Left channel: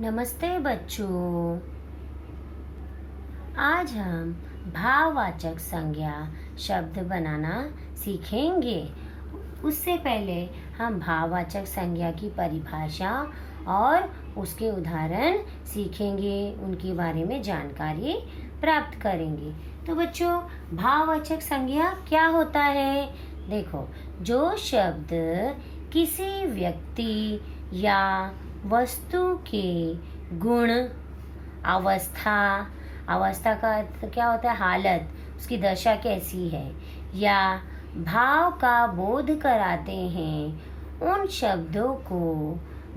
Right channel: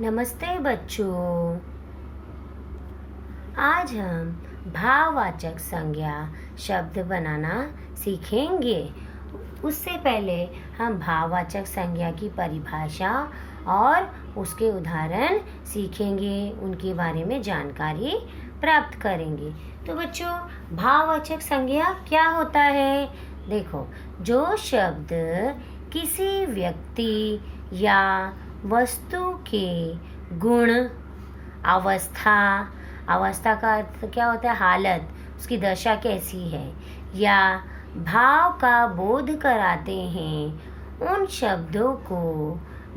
नमस्ते बच्चों। आज हम भाववाचक संज्ञा शब्द बनाना सीखेंगे। उससे पहले हम भाववाचक संज्ञा की परिभाषा और उसके उदाहरण सीखेंगे, उनके बारे में जानकारी प्राप्त करेंगे। तो बच्चों, भाववाचक संज्ञा क्या होता है? देखो, जो शब्द किसी व्यक्ति या वस्तु के गुण, अवस्था, अवस्था का अर्थ क्या होता है? हालत, उसकी दशा कैसी है, या भाव का बोध कराते हैं, उन शब्दों को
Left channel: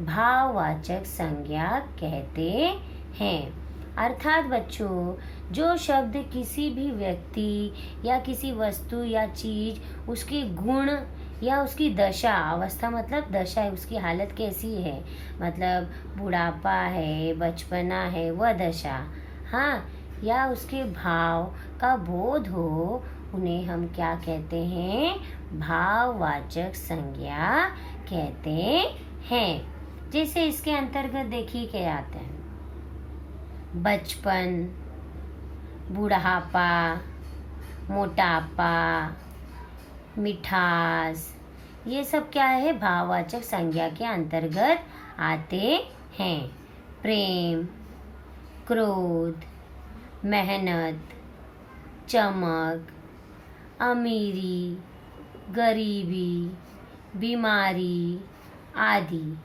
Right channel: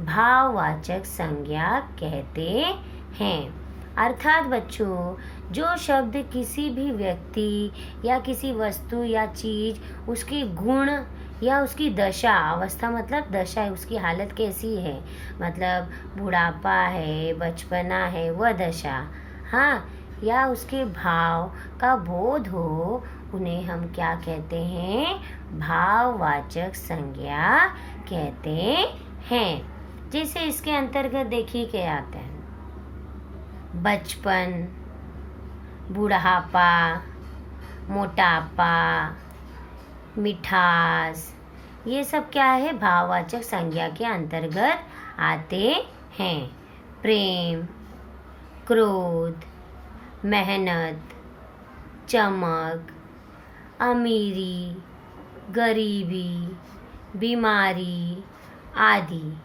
भाववाचक संज्ञा कहते हैं। अर्थात बच्चों, जो शब्द किसी भी व्यक्ति या किसी वस्तु या चीज, उसके गुण या उसकी दशा, अवस्था मतलब दशा है, उसकी हालत कैसी है, मतलब बुढ़ापा है, बचपना है, वह दशा, हाँ, या उसके भाव का बोध हो, उन्हें हम क्या कहते हैं? भाववाचक संज्ञा कहते हैं। जैसे इसके अंतर्गत देखिए क्या आते हैं: बचपन, बुढ़ापा, मोटापा, मिठास, ये सब क्या है? भाववाचक संज्ञा के अंतर्गत आते हैं। प्रेम, क्रोध, मेहनत, चमक, अमीरी, गरीबी, बीमारी आदि,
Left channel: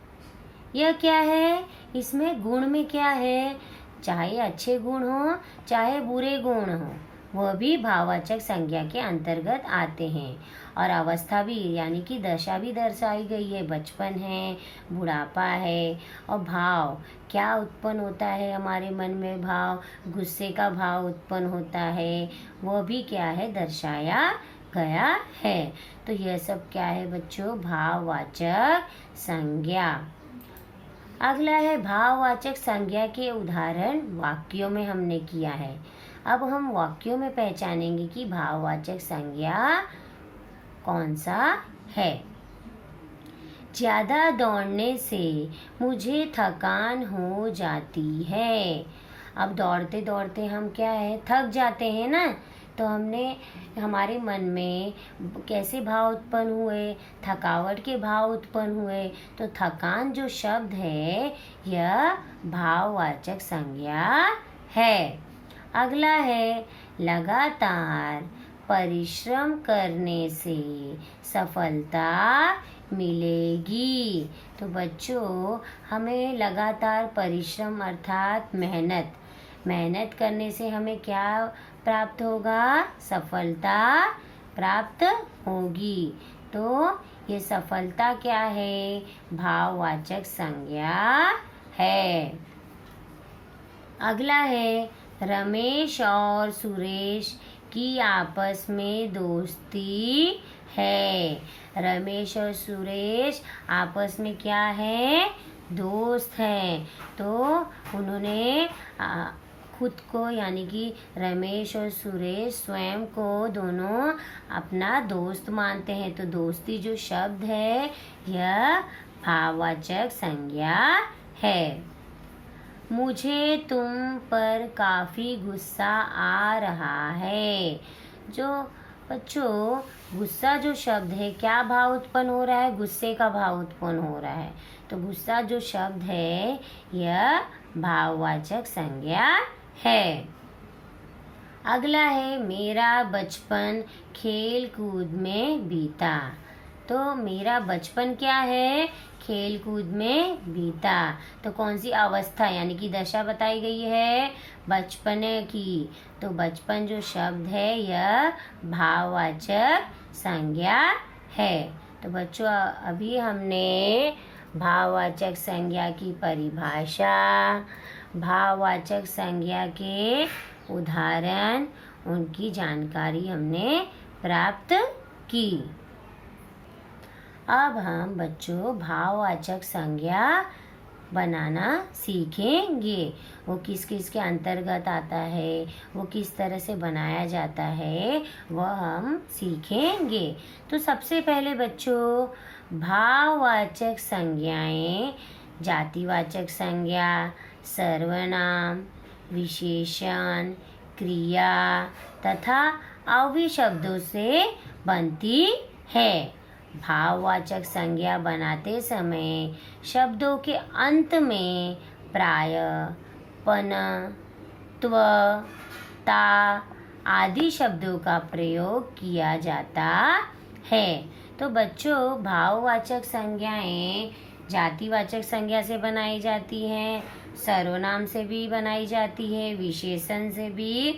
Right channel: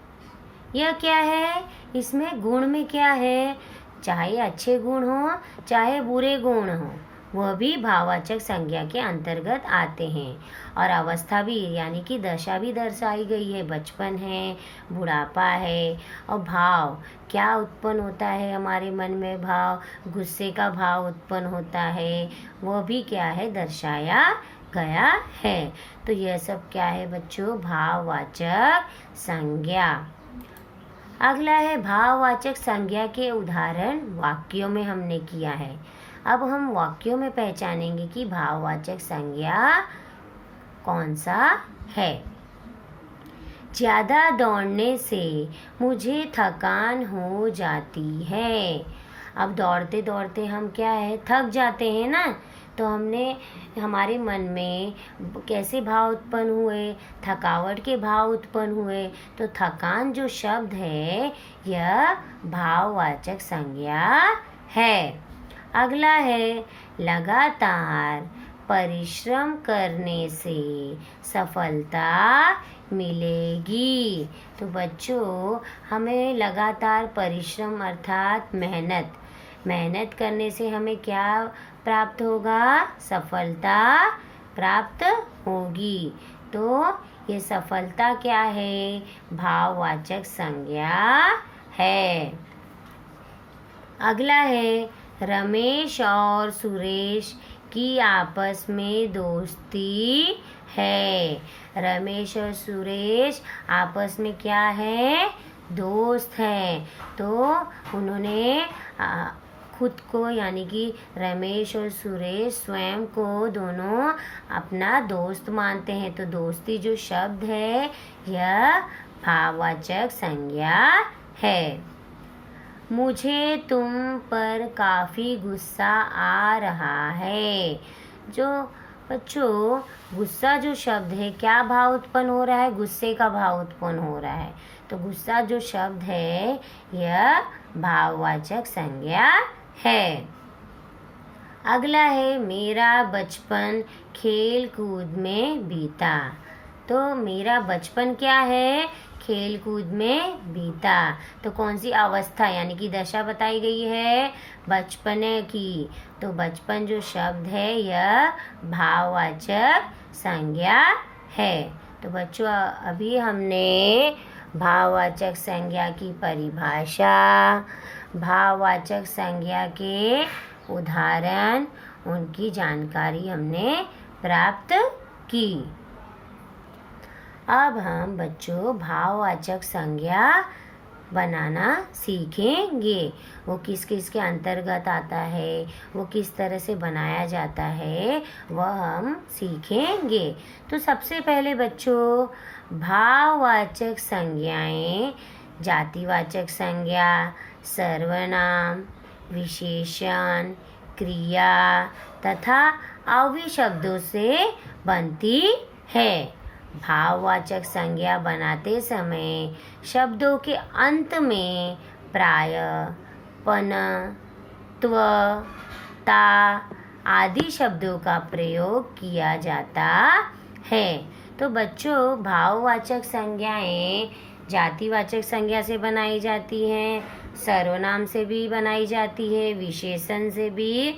यह क्या है? इसमें गुण में क्या है? चाहे अच्छे गुण हो, चाहे बुरे गुण हो, वह भी भाववाचक संज्ञा के अंतर्गत आते हैं। और अवस्था भी, यानी कि दशा भी दर्शाई गई है। बचपन है, बुढ़ापा है, और भाव क्या उत्पन्न होता है हमारे मन में? भाव, गुस्से का भाव उत्पन्न होता है, वह भी क्या है? दर्शाया गया है। तो यह सब क्या है बच्चों? भाववाचक संज्ञा। अगला है भाववाचक संज्ञा के उदाहरण वाक्यों में हमने किया है। अब हम वाक्यों में पहचानेंगे कि भाववाचक संज्ञा कौन सा है। ज्यादा दौड़ने से मुझे थकान हो जाती है। अब दौड़ते दौड़ते हम क्या है? थक जाते हैं ना। तो हमने, हमारे मन में कैसे भाव उत्पन्न हुए? थकावट के भाव उत्पन्न हुए। तो थकान जो शब्द है, यह भाववाचक संज्ञा है। अगला है लगातार परिश्रम करने से सफलता मिलेगी। तो बच्चों, हमें लगातार परिश्रम अर्थात मेहनत करने से हमें क्या प्राप्त होगा? सफलता प्राप्त होगी। तो ये सफलता क्या है? भाववाचक संज्ञा है। अगला है रमेश और सुरेश की आपस में दोस्ती है। रमेश और सुरेश आपस में क्या है? दोस्त हैं। तो उन्होंने खुद को, यानी कि रमेश और सुरेश स्वयं को दोनों अपना दोस्त मानते हैं। तो दोस्ती जो शब्द है, यह भाववाचक संज्ञा है। मुझे तुम पर काफी गुस्सा आ रहा है। जो बच्चों, गुस्सा जो शब्द है, क्या भाव उत्पन्न हो रहा है? गुस्से का भाव उत्पन्न हो रहा है। तो गुस्सा जो शब्द है, यह भाववाचक संज्ञा है। अगला है मेरा बचपन खेल कूद में बीता। तो मेरा बचपन क्या है? खेल कूद में बीता। तो कौन सी अवस्था, यानी कि दशा बताई गई है? बचपने की। तो बचपन जो शब्द है, यह भाववाचक संज्ञा है। तो बच्चों, अभी हमने भाववाचक संज्ञा की परिभाषा, भाववाचक संज्ञा के उदाहरण, उनकी जानकारी हमने प्राप्त की। अब हम बच्चों भाववाचक संज्ञा बनाना सीखेंगे। वो किस किस के अंतर्गत आता है, वो किस तरह से बनाया जाता है, वह हम सीखेंगे। तो सबसे पहले बच्चों, भाववाचक संज्ञाएं जातिवाचक संज्ञा, सर्वनाम, विशेषण, क्रिया तथा अव्यय शब्दों से बनती है। भाववाचक संज्ञा बनाते समय शब्दों के अंत में प्राय, पन, त्व, ता आदि शब्दों का प्रयोग किया जाता है। तो बच्चों, भाववाचक संज्ञाएं जातिवाचक संज्ञा से बनाई जाती हैं, सर्वनाम से भी बनाई जाती है, विशेषण से भी,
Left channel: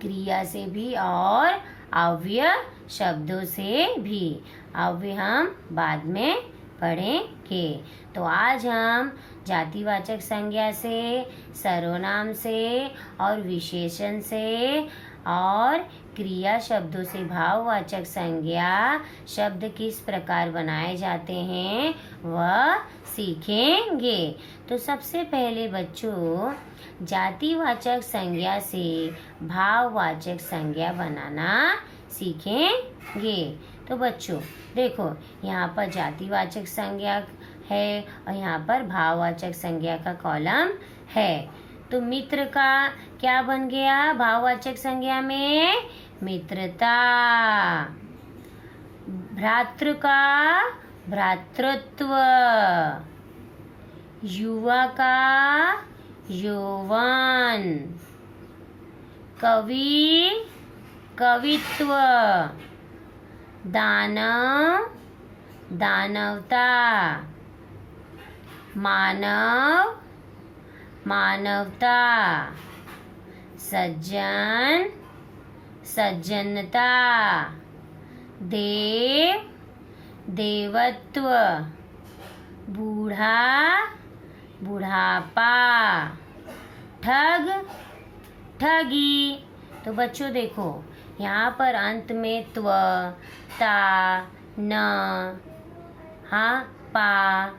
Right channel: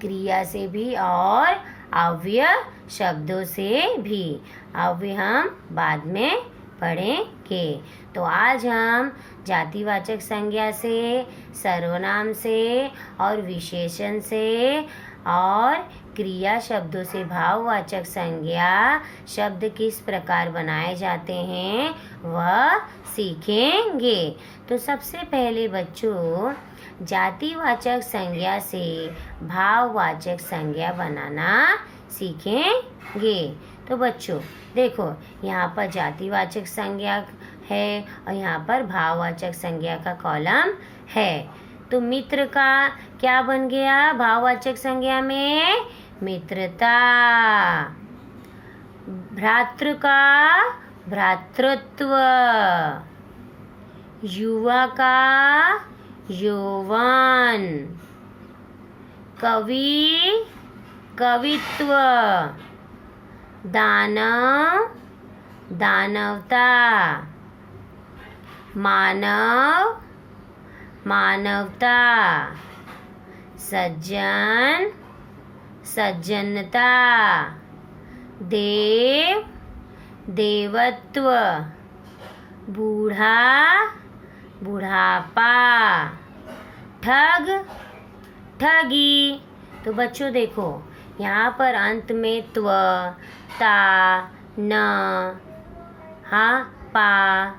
क्रिया से भी और अव्यय शब्दों से भी। अव्यय हम बाद में पढ़ेंगे। तो आज हम जातिवाचक संज्ञा से, सर्वनाम से और विशेषण से और क्रिया शब्दों से भाववाचक संज्ञा शब्द किस प्रकार बनाए जाते हैं वह सीखेंगे। तो सबसे पहले बच्चों, जातिवाचक संज्ञा से भाववाचक संज्ञा बनाना सीखेंगे। तो बच्चों देखो, यहाँ पर जातिवाचक संज्ञा है और यहाँ पर भाववाचक संज्ञा का कॉलम है। तो मित्र का क्या बन गया भाववाचक संज्ञा में? मित्रता। भ्रातृ का भ्रातृत्व। युवा का यौवन। कवि कवित्व। दानव दानवता। मानव मानवता। सज्जन सज्जनता। देव देवत्व। बूढ़ा बुढ़ापा। ठग ठगी। तो बच्चों देखो, यहाँ पर अंत में त्व, ता, न, हा, पा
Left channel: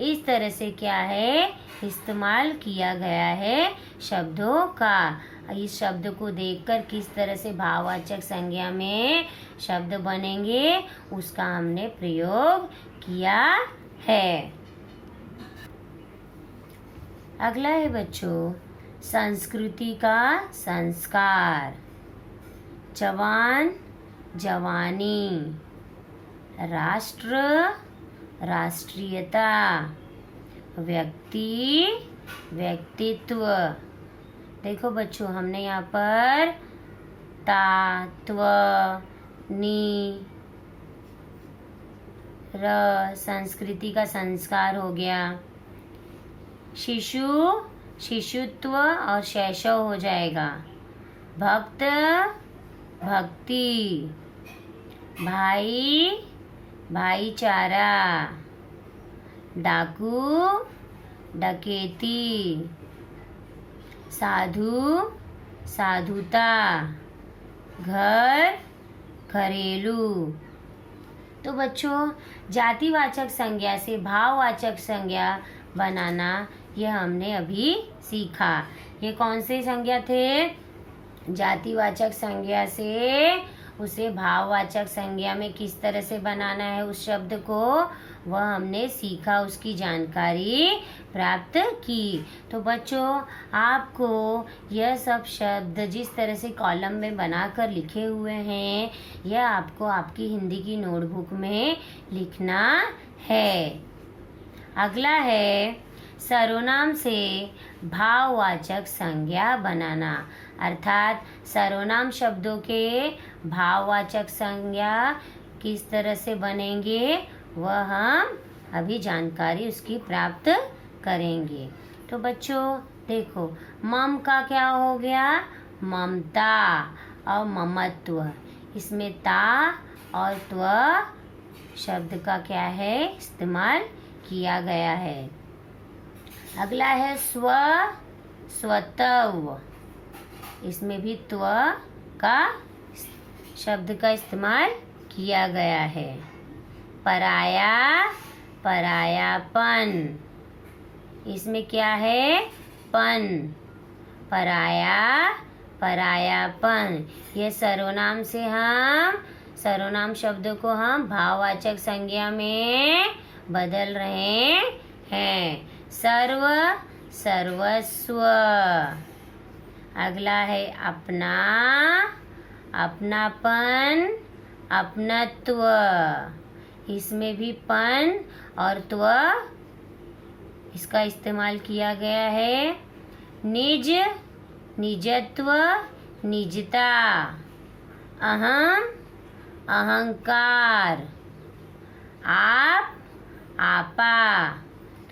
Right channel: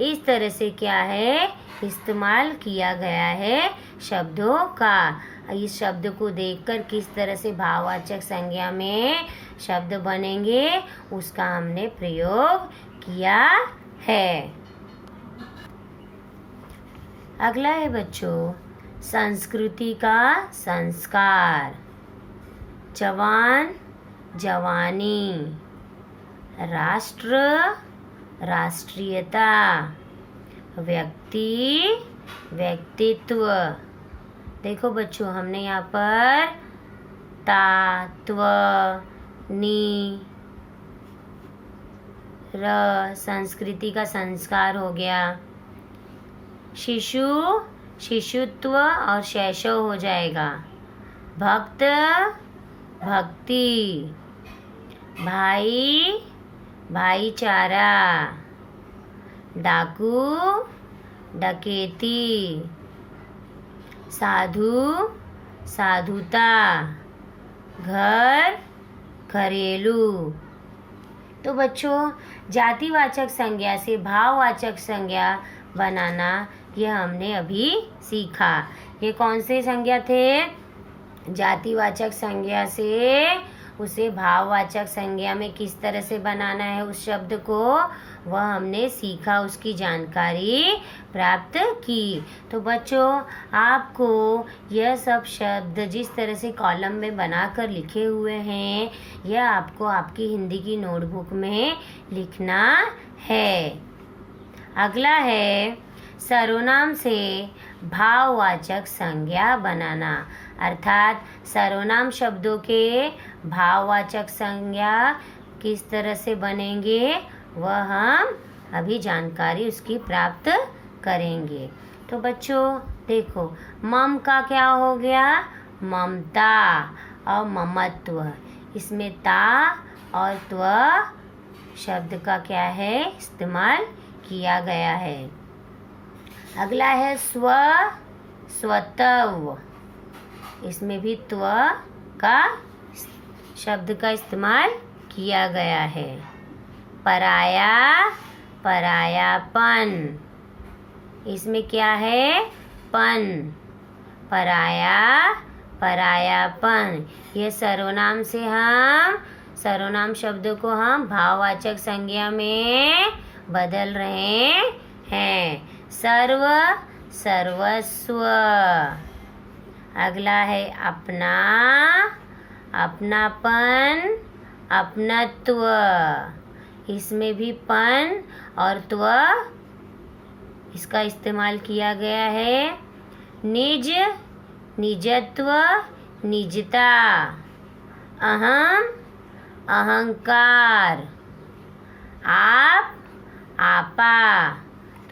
इस तरह से क्या है इस्तेमाल किया गया है शब्दों का। इस शब्द को देखकर किस तरह से भाववाचक संज्ञा में शब्द बनेंगे उसका हमने प्रयोग किया है। अगला है बच्चों, संस्कृति का संस्कार। जवान जवानी। राष्ट्र राष्ट्रीयता। व्यक्ति व्यक्तित्व। देखो बच्चों, हमने यहाँ पर ता, त्व, नी, र संस्कृति का संस्कार हो गया। शिशु शिशुत्व और शैशव हो जाएगा। भक्त भक्ति। भाई भाईचारा। डाकू डकैती। साधु साधुता। घर घरेलू। तो बच्चों, जातिवाचक संज्ञा से भाववाचक संज्ञा बनाना ये हमने अभी सीखा। ये कौन से संज्ञा थे? जातिवाचक संज्ञा से उसे भाववाचक संज्ञा में किस तरह से बनाना है उस शब्द को, वह हमने सीखा, उसकी जानकारी प्राप्त की। तो बच्चों, आपको यह सब शब्द जिस तरह से कॉलम में बनाकर लिखे हुए हैं, यह आपको आपकी हिंदी की नोटबुक में लिखना है। अगला है सर्वनाम से भाववाचक संज्ञा बनाना, अर्थात सर्वनाम शब्दों के भाववाचक संज्ञा किस तरह से बनेंगे वह हम अभी जानकारी उसकी प्राप्त करेंगे। तो बच्चों देखो, मम का क्या हो गया? ममता और ममत्व। इसमें ता और त्व शब्द का क्या है इस्तेमाल किया गया है। अगला है स्व स्वतव। इसमें भी त्व का शब्द का इस्तेमाल किया गया है। पराया परायापन। इसमें क्या है? पन। पराया परायापन। ये सर्वनाम से हम सर्वनाम शब्द को हम भाववाचक संज्ञा में बदल रहे हैं। सर्व सर्वस्व। अगला है अपना, अपनापन, अपनत्व। इसमें भी पन और त्व इसका इस्तेमाल किया गया है। निज, निजत्व, निजता। अहम, अहंकार। आप, आपा।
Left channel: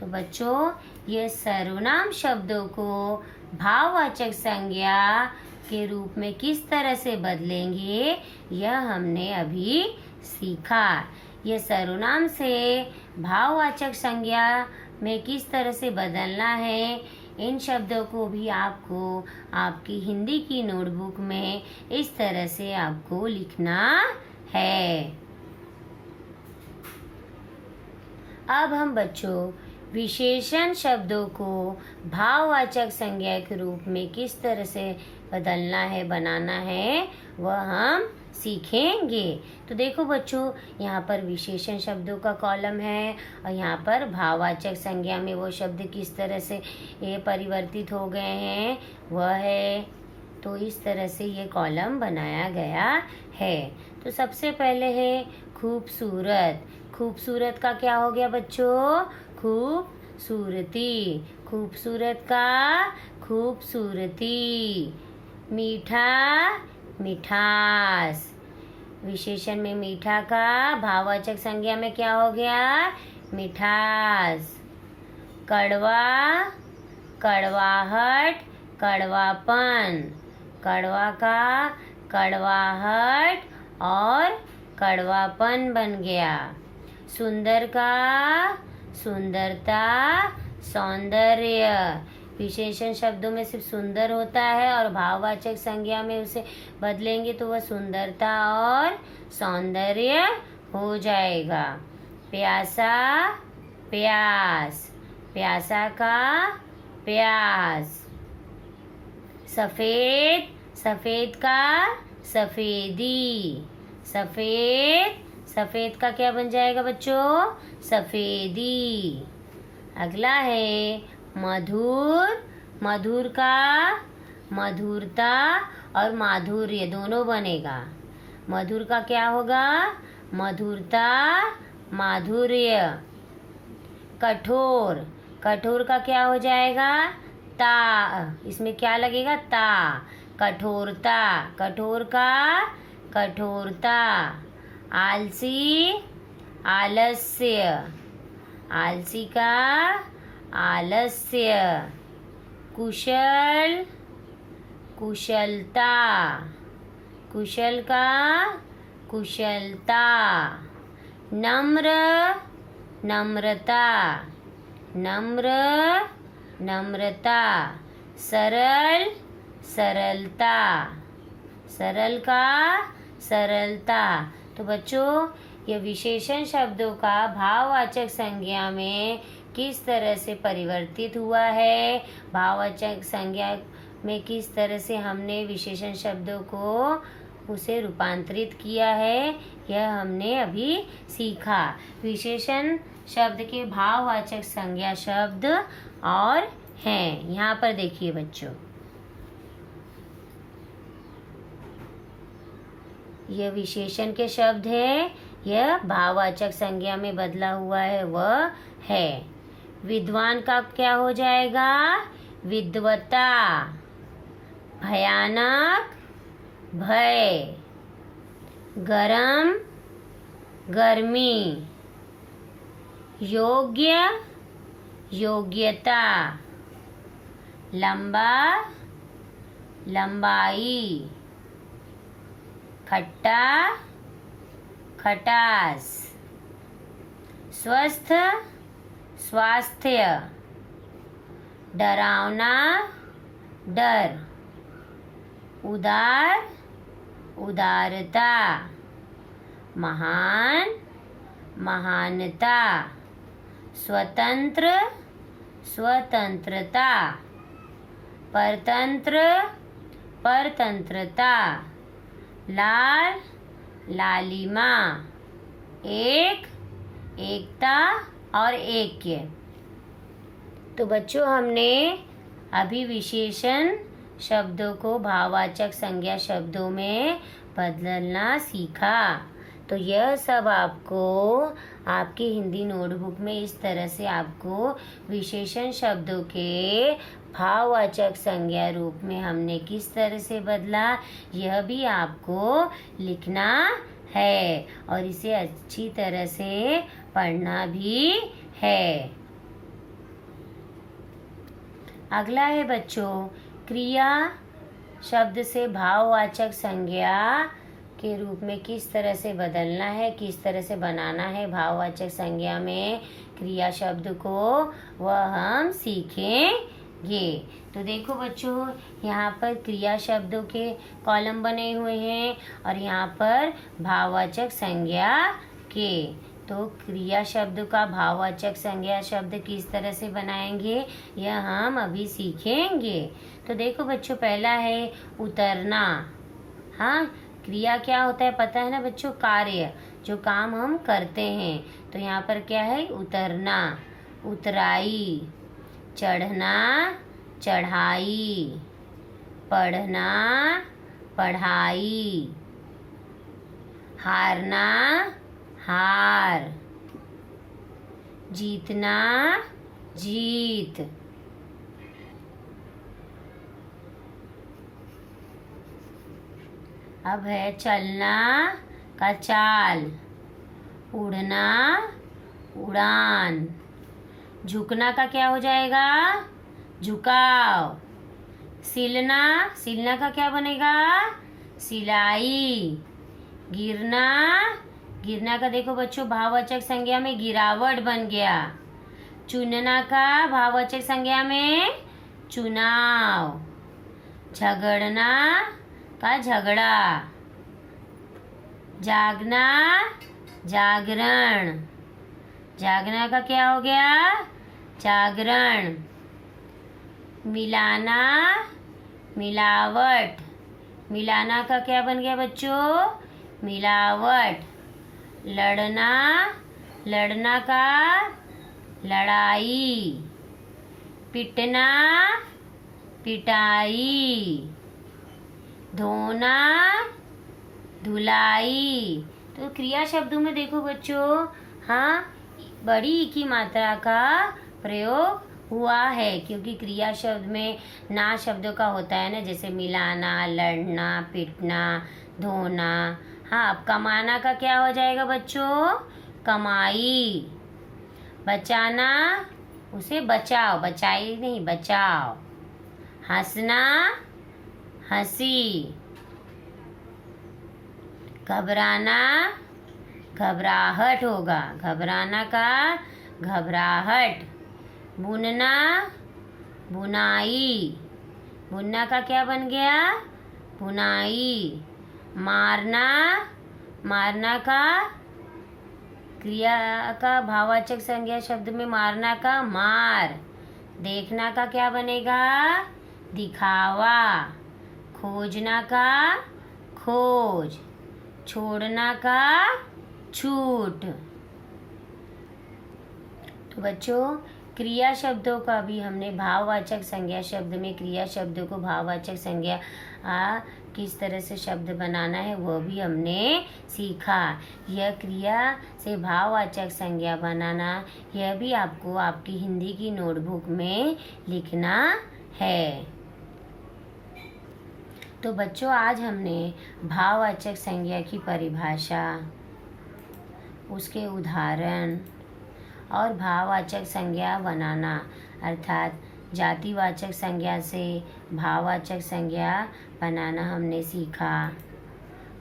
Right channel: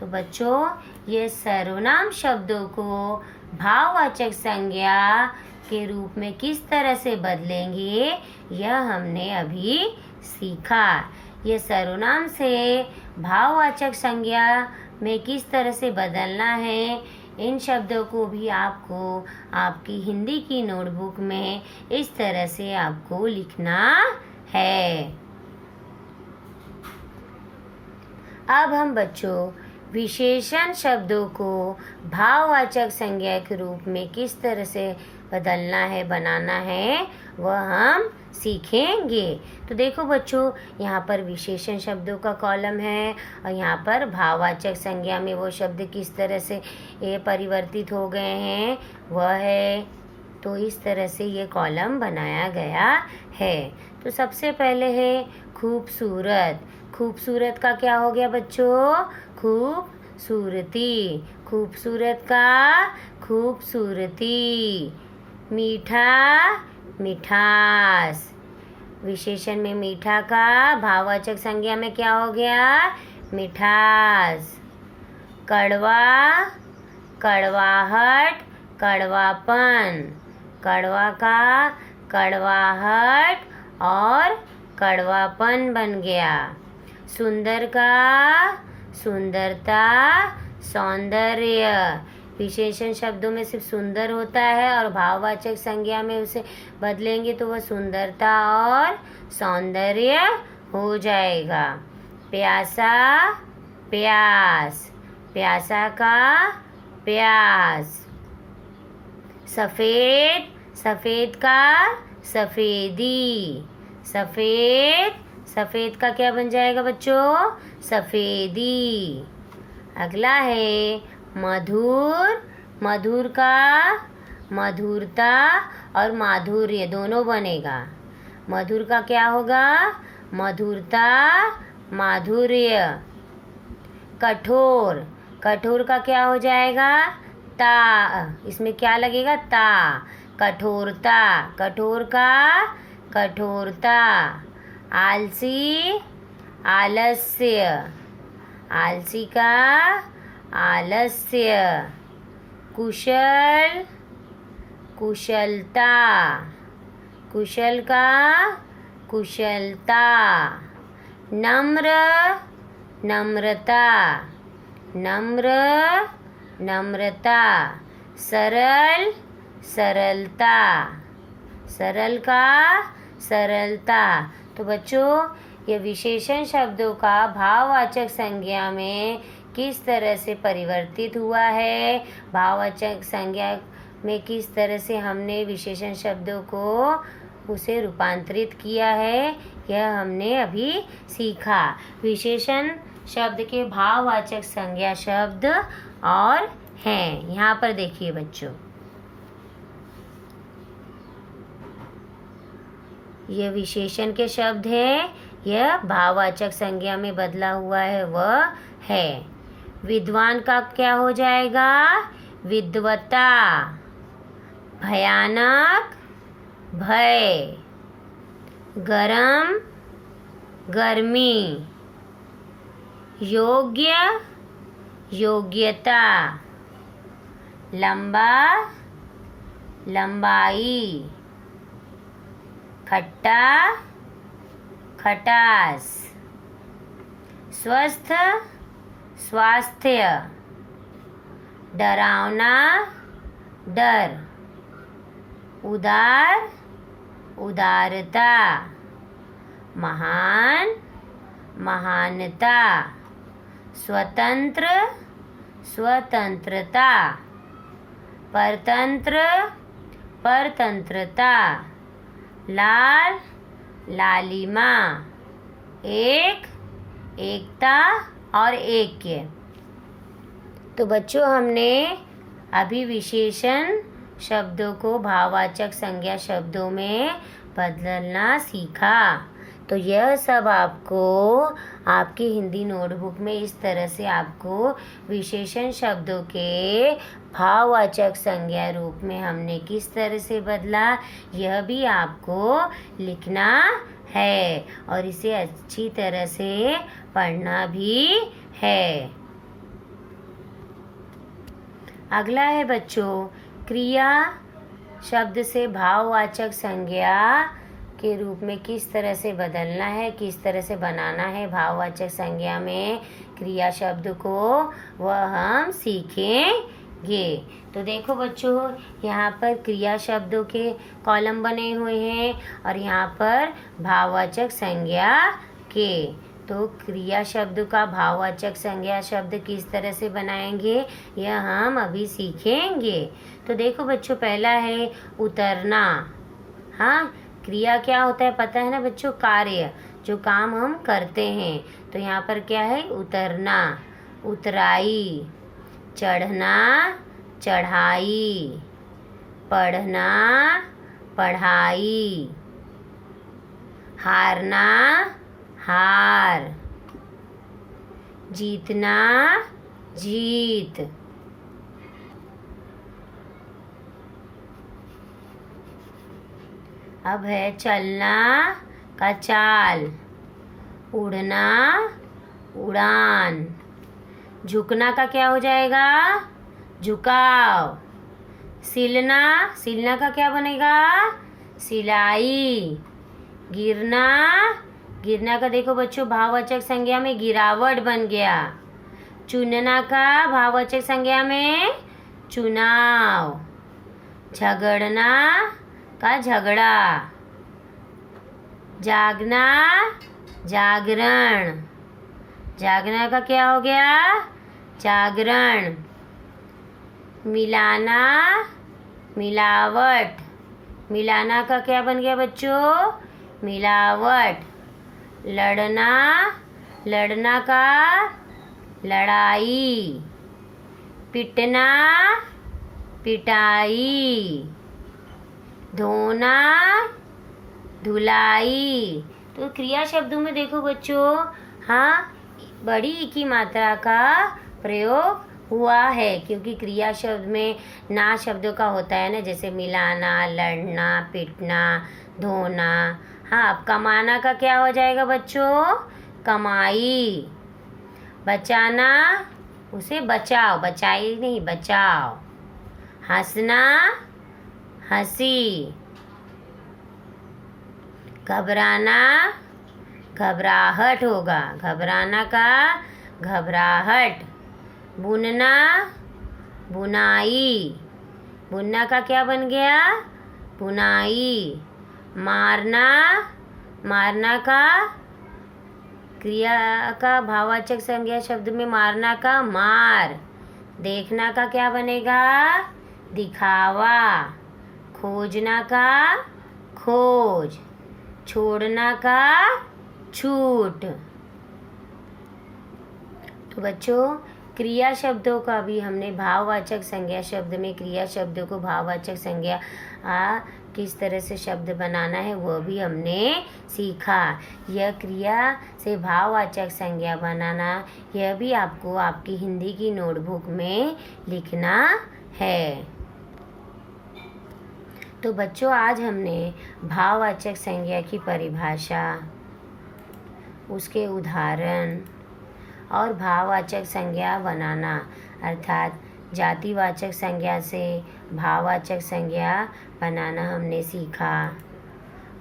तो बच्चों, ये सर्वनाम शब्दों को भाववाचक संज्ञा के रूप में किस तरह से बदलेंगे, यह हमने अभी सीखा। ये सर्वनाम से भाववाचक संज्ञा में किस तरह से बदलना है, इन शब्दों को भी आपको आपकी हिंदी की नोटबुक में इस तरह से आपको लिखना है। अब हम बच्चों विशेषण शब्दों को भाववाचक संज्ञा के रूप में किस तरह से बदलना है, बनाना है, वह हम सीखेंगे। तो देखो बच्चों, यहाँ पर विशेषण शब्दों का कॉलम है और यहाँ पर भाववाचक संज्ञा में वो शब्द किस तरह से ये परिवर्तित हो गए हैं वह है। तो इस तरह से ये कॉलम बनाया गया है। तो सबसे पहले है खूबसूरत। खूबसूरत का क्या हो गया बच्चों? खूबसूरती। खूबसूरत का खूबसूरती। मीठा, मिठास। विशेषण में मीठा का भाववाचक संज्ञा में क्या हो गया? मिठास। कड़वा, कड़वाहट, कड़वापन। कड़वा का कड़वाहट और कड़वापन बन गया। सुंदर का सुंदरता, सौंदर्य। विशेषण शब्दों में सिर्फ सुंदर होता है और भाववाचक संज्ञा में उसे बदलेंगे तो वह सुंदरता और सौंदर्य हो जाएगा। प्यासा, प्यास। प्यासा का प्यास। सफेद, सफेद का सफेदी। सफेद, सफेद का क्या बन जाएगा बच्चों? सफेदी। अगला है मधुर। मधुर का मधुरता और माधुर्य दोनों बनेगा। मधुर का क्या होगा? मधुरता, माधुर्य। कठोर, कठोर का क्या हो जाएगा? ता। इसमें क्या लगेगा? ता। कठोरता। कठोर का कठोरता। आलसी, आलस्य। आलसी का आलस्य। कुशल, कुशलता। कुशल का कुशलता। नम्र, नम्रता। नम्र, नम्रता। सरल, सरलता। सरल का सरलता। तो बच्चों, ये विशेषण शब्दों का भाववाचक संज्ञा में किस तरह से परिवर्तित हुआ है, भाववाचक संज्ञा में किस तरह से हमने विशेषण शब्दों को उसे रूपांतरित किया है, यह हमने अभी सीखा। विशेषण शब्द के भाववाचक संज्ञा शब्द और हैं। यहाँ पर देखिए बच्चों, यह विशेषण के शब्द है, यह भाववाचक संज्ञा में बदला हुआ है वह है। विद्वान का क्या हो जाएगा? विद्वता। भयानक, भय। गरम, गर्मी। योग्य, योग्यता। लंबा, लंबाई। खट्टा, खटास। स्वस्थ, स्वास्थ्य। डरावना, डर। उदार, उदारता। महान, महानता। स्वतंत्र, स्वतंत्रता। परतंत्र, परतंत्रता। लाल, लालिमा। एक, एकता और ऐक्य। तो बच्चों हमने अभी विशेषण शब्दों को भाववाचक संज्ञा शब्दों में बदलना सीखा। तो यह सब आपको आपकी हिंदी नोटबुक में इस तरह से आपको विशेषण शब्दों के भाववाचक संज्ञा रूप में हमने किस तरह से बदला, यह भी आपको लिखना है और इसे अच्छी तरह से पढ़ना भी है। अगला है बच्चों, क्रिया शब्द से भाववाचक संज्ञा के रूप में किस तरह से बदलना है, किस तरह से बनाना है भाववाचक संज्ञा में क्रिया शब्द को, वह हम सीखेंगे। तो देखो बच्चों, यहाँ पर क्रिया शब्दों के कॉलम बने हुए हैं और यहाँ पर भाववाचक संज्ञा के। तो क्रिया शब्द का भाववाचक संज्ञा शब्द किस तरह से बनाएंगे, यह हम अभी सीखेंगे। तो देखो बच्चों, पहला है उतरना। हाँ, क्रिया क्या होता है पता है ना बच्चों, कार्य, जो काम हम करते हैं। तो यहाँ पर क्या है, उतरना, उतराई, चढ़ना, चढ़ाई, पढ़ना, पढ़ाई, हारना, हार, जीतना, जीत। अब है चलना का चाल, उड़ना, उड़ान, झुकना का क्या हो जाएगा, झुकाव, सिलना, सिलना का क्या बनेगा, सिलाई, गिरना, गिरना का देखो बच्चों भाववाचक संज्ञा में गिरावट बन गया। चुनना का भाववाचक संज्ञा में चुनाव, झगड़ना का झगड़ा, जागना, जागरण, जागना का क्या हो गया, जागरण, मिलाना, मिलावट, मिलाना का क्या बन गया बच्चों, मिलावट, लड़ना, लड़ना का लड़ाई, पिटना, पिटाई, धोना, धुलाई। तो क्रिया शब्दों में देखो बच्चों, हाँ, बड़ी ई की मात्रा का प्रयोग हुआ है, क्योंकि क्रिया शब्द में ना शब्दों का होता है ना, जैसे मिलाना, लड़ना, पिटना, धोना। हाँ, अब कमाना का क्या हो जाएगा बच्चों, कमाई, बचाना, उसे बचाओ, बचाई नहीं, बचाओ, हंसना, हंसी, घबराना, घबराहट होगा, घबराना का घबराहट, बुनना, बुनाई, बुनना का क्या बन गया, बुनाई, मारना, मारना का क्रिया का भाववाचक संज्ञा शब्द में मारना का मार, देखना का क्या बनेगा, दिखावा, खोजना का खोज, छोड़ना का छूट। तो बच्चों, क्रिया शब्दों का भी हमने भाववाचक संज्ञा शब्द में क्रिया शब्दों को भाववाचक संज्ञा किस तरह से शब्द बनाना है वह भी हमने सीखा। यह क्रिया से भाववाचक संज्ञा बनाना, यह भी आपको आपकी हिंदी की नोटबुक में लिखना है। तो बच्चों, आज हमने भाववाचक संज्ञा की परिभाषा, उसके उदाहरण और भाववाचक संज्ञा बनाना अर्थात जातिवाचक संज्ञा से भाववाचक संज्ञा बनाना हमने सीखा,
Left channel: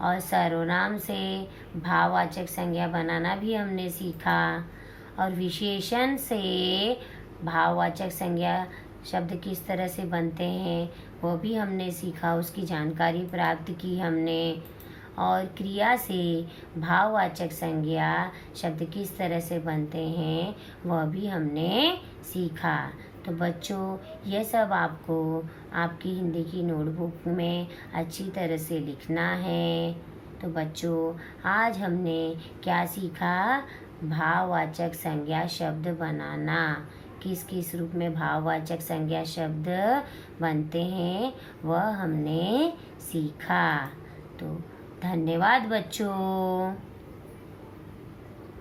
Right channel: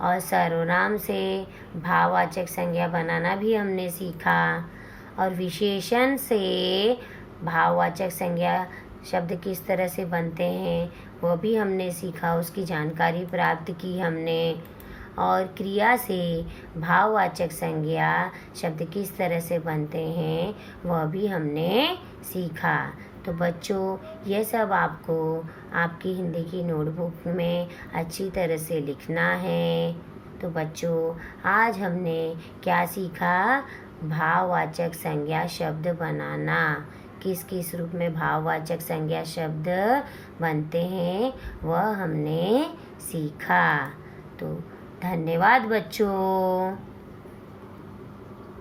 और सर्वनाम से भाववाचक संज्ञा बनाना भी हमने सीखा, और विशेषण से भाववाचक संज्ञा शब्द किस तरह से बनते हैं वो भी हमने सीखा, उसकी जानकारी प्राप्त की हमने, और क्रिया से भाववाचक संज्ञा शब्द किस तरह से बनते हैं वह भी हमने सीखा। तो बच्चों, यह सब आपको आपकी हिंदी की नोटबुक में अच्छी तरह से लिखना है। तो बच्चों, आज हमने क्या सीखा, भाववाचक संज्ञा शब्द बनाना किस किस रूप में भाववाचक संज्ञा शब्द बनते हैं वह हमने सीखा। तो धन्यवाद बच्चों।